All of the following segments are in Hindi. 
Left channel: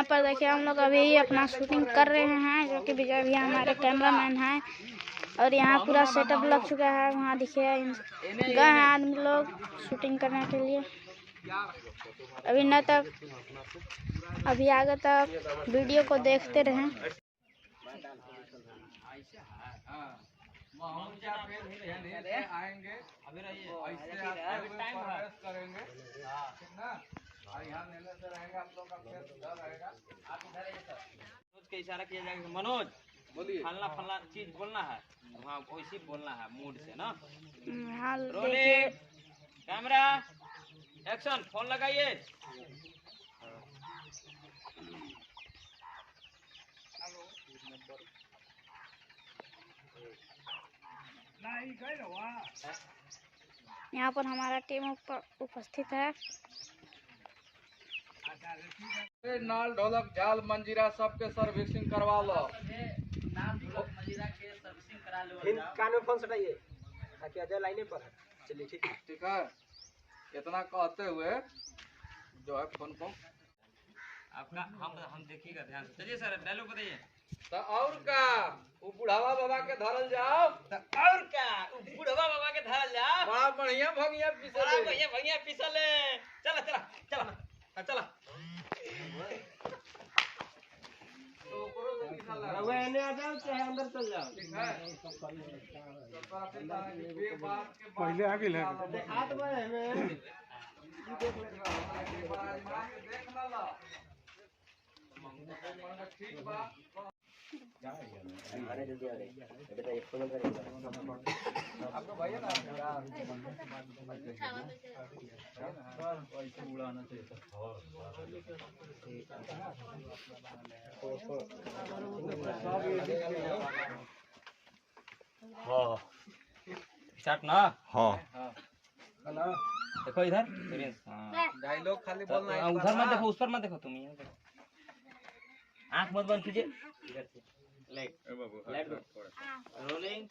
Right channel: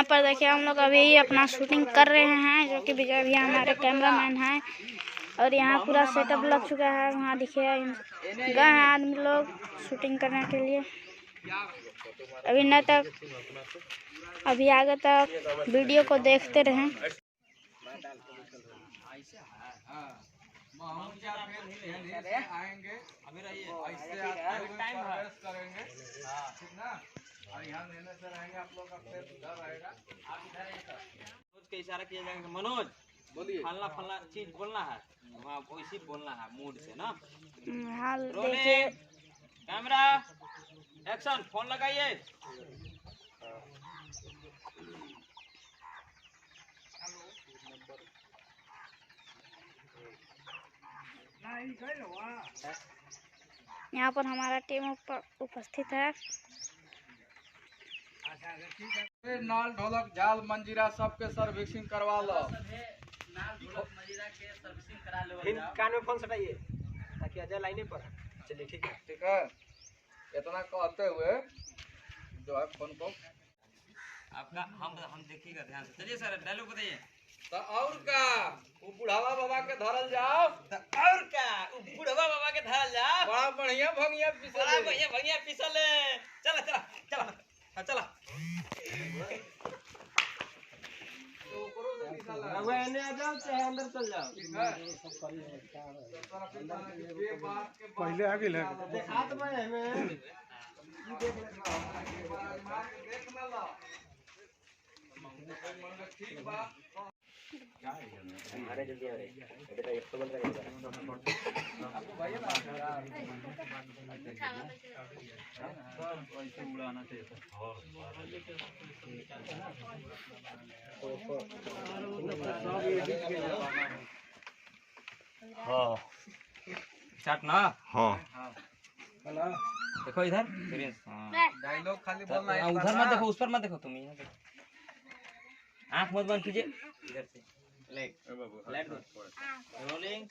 यहाँ पर देखिए हम लोग अभी अपना शूटिंग कर रहे हैं, जो कि विजय भैया हमारे कैमरामैन हैं। और यहाँ पूरा सेटअप लग चुका है। वहाँ देखिए गए हैं आदमी लोग शूटिंग करने के लिए। अभी न तक अभी आगे तक वीडियो को देखते रहें। आएंगे अभी रहिए ऐसे आते हुए प्रवेश करेंगे, ठीक ना। और यहाँ मेहनत से रहेंगे, आप लोग का फेस इधर रहेगा, आप इधर रहिए। सर मनोज के इशारा किया जाएगा, मनोज बोलिए फलना फलना चीज बोलना है, वहाँ वैसे बोलना है मूड से ना। रोलिंग कैमरा एक्शन, फोन लगाइए। यहाँ पर हमारा टीम उपस्थित है। नाल ढोलक झाल मंजीरा सबके सर्विसिंग करवा लो। कान में फोन सटाइए ताकि अजय लाइने पर है। चलिए ठीक है, ठीक है। इतना कहते हुए जो है फोन को आपका हम देखिएगा ध्यान से। चलिए सर डायलॉग बताइए। तो और का वो बुढ़ावा बाबा के धरल जाओ, तो और क्या बुढ़वा बाबा के धरल जाओ, बड़ा बढ़िया भंगिया बड़ा भैया पिसले। चला चला चला चला तो करो से निकाल रहुआ इन्हें आ जाओ चाहे अंदर चल जाओ। ठीक है। तो फिर के बाद के पहले आगे ले हाथ में हमें देख ना लो ठीक बात। अरे जल्दी आ रहे बेटा, एक तो बोल रहे आपको भैया ना ऐसे उड़ाना चाहिए था। हाँ स्टार्ट ना। हाँ देखो इधर डायलॉग खाली बोलना है, उधर मत देखो, उस पर मत देखो, तुम यहाँ देखो। आँख मत बंद कीजिए, इधर से लाइट दो। रोलिंग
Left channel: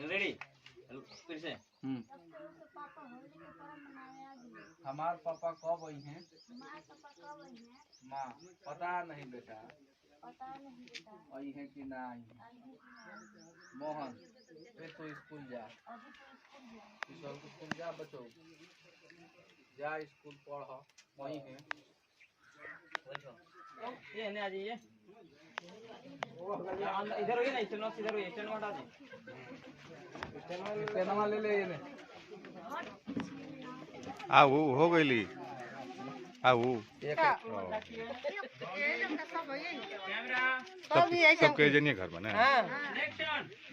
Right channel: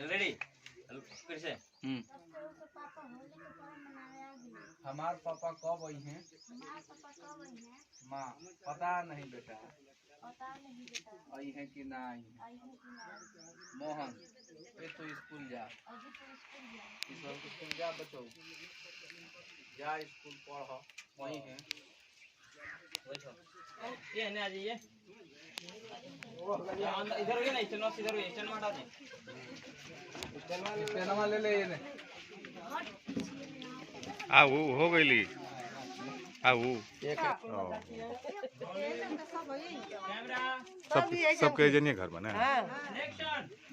रेडी फिर से। हमार पापा कब आई हैं? माँ पता नहीं बेटा, आई है कि ना आई। मोहन ये तो स्कूल जा, स्कूल जा बच्चों, जा स्कूल पढ़, वही है। ये आ जाइए इधर होइए ना, स्टैंड इधर होइए, स्टैंड में हटा दीजिए। पेनमा ले ले ये वो हो गई सबके जनिए घर बने।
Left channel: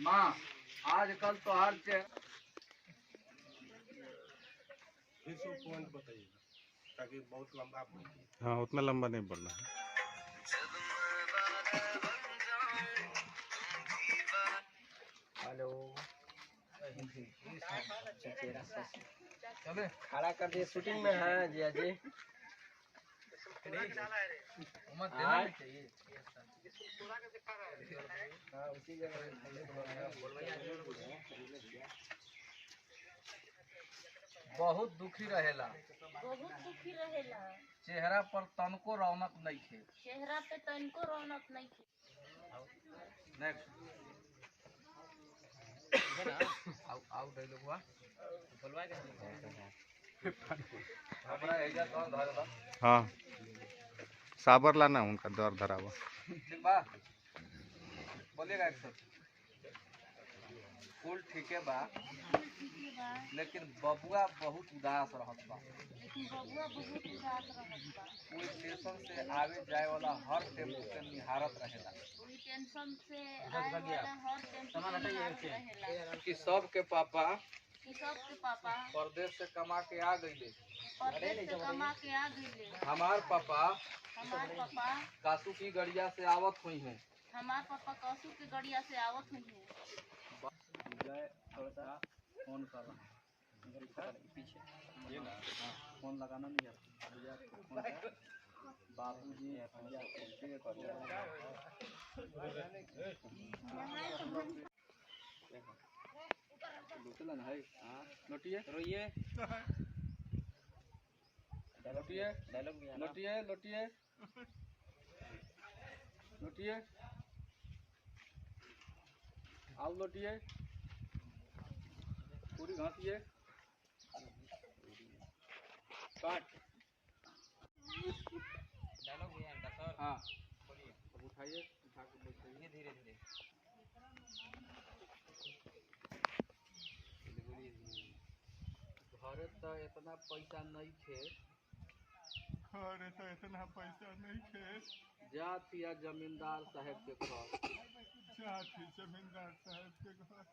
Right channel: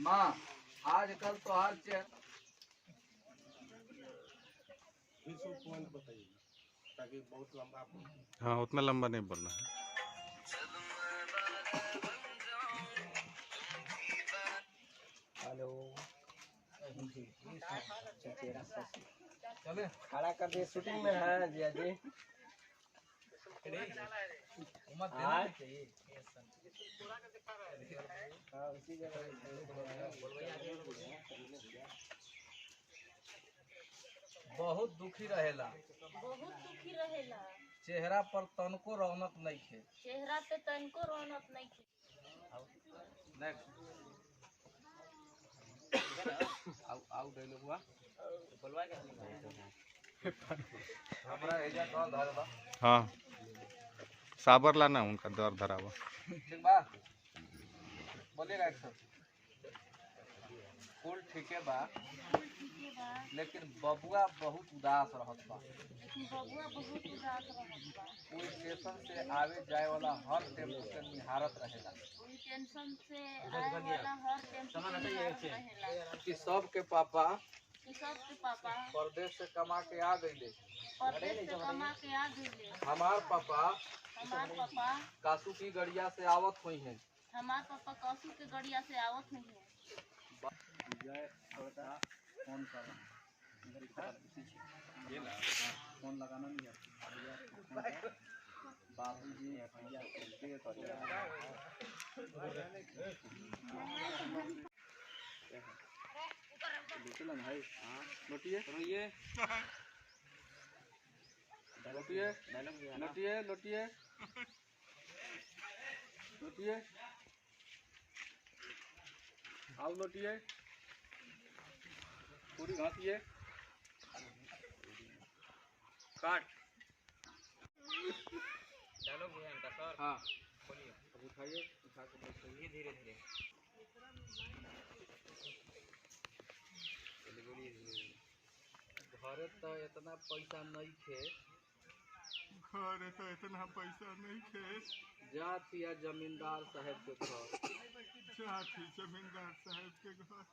माँ आजकल तो हर चीज ताकि बहुत लंबा। हाँ उतना लंबा नहीं बोलना है। हेलो चले खड़ा कर दिए, शूटिंग में है जिया जी। बहुत दुखी रहेला, चेहरा पर तनको रौनक नहीं थे, चेहरा पे तनको रौनक नहीं थी। आउ डायलॉग हुआ हाँ साबर लाना उनका दर धरा हुआ। ठीक बा बोलिएगा एक फुल ठीक है बा, लेकिन बबुआ बहुत उदास रहत बा। कोई स्टेशन से आवे जाए वाला हर टेम्पो के निहारत रहेला। कि सब के पापा परदेश से कमा के आ गईले, हमार पापा कासू की गड़िया से आवत हुई है। फोन कर पीछे फोन लगाना नहीं है बाबू जी लोटिए डायलॉग दिया ना लोटिए लोटिए लोटिए आओ लोटिए पूरी घासिए काट डायलॉग दिया इनका सर हाँ बोलिए अब उठाइए उठा के बैठाइए धीरे धीरे घरे तो इतना पैसा नहीं खे घरे तो इतना पैसा नहीं थे जात या जमींदार साहब के घर जाती जमींदार साहब के घर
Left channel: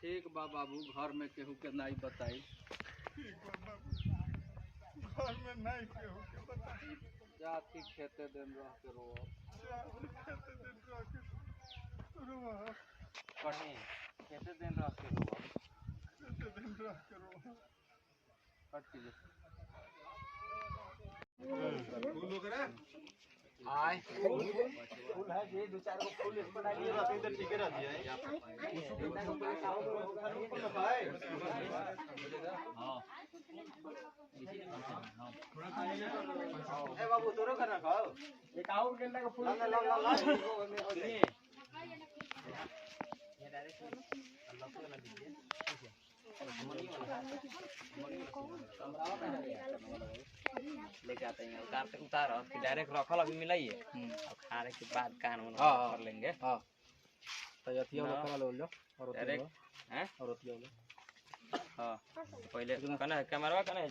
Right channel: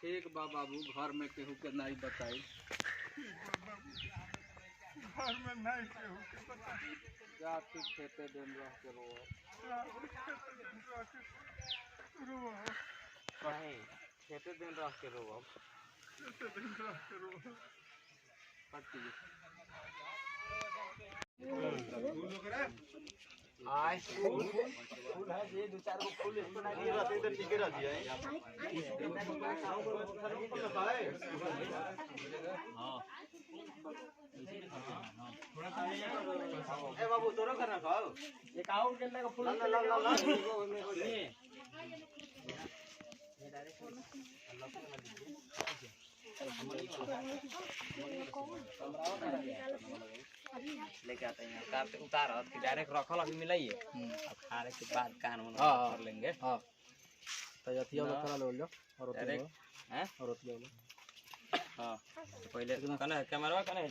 ठीक बा बाबू घर में केहू के नहीं बताई ठीक बा बाबू घर में नहीं केहू के बताई जाति खेते दिन रह के रो कहीं खेते दिन रह के रो आय फूल है जे दो चार गो फूल इस पर डालिए रहते तो ठीक रह दिए हां ए बाबू तोरो करना खाओ ये काऊ गेंदा का फूल ला सुनिए ये डायरेक्ट अल्लाह को वाला दीजिए लेके आते हैं कार से उतार और डायरेक्ट रखल अभी मिलाइए अब खाने के बाद कान में कर लेंगे हां तो यतिया में करा लो और डायरेक्ट हैं और रोटिया हां पहले कना कैमरा कना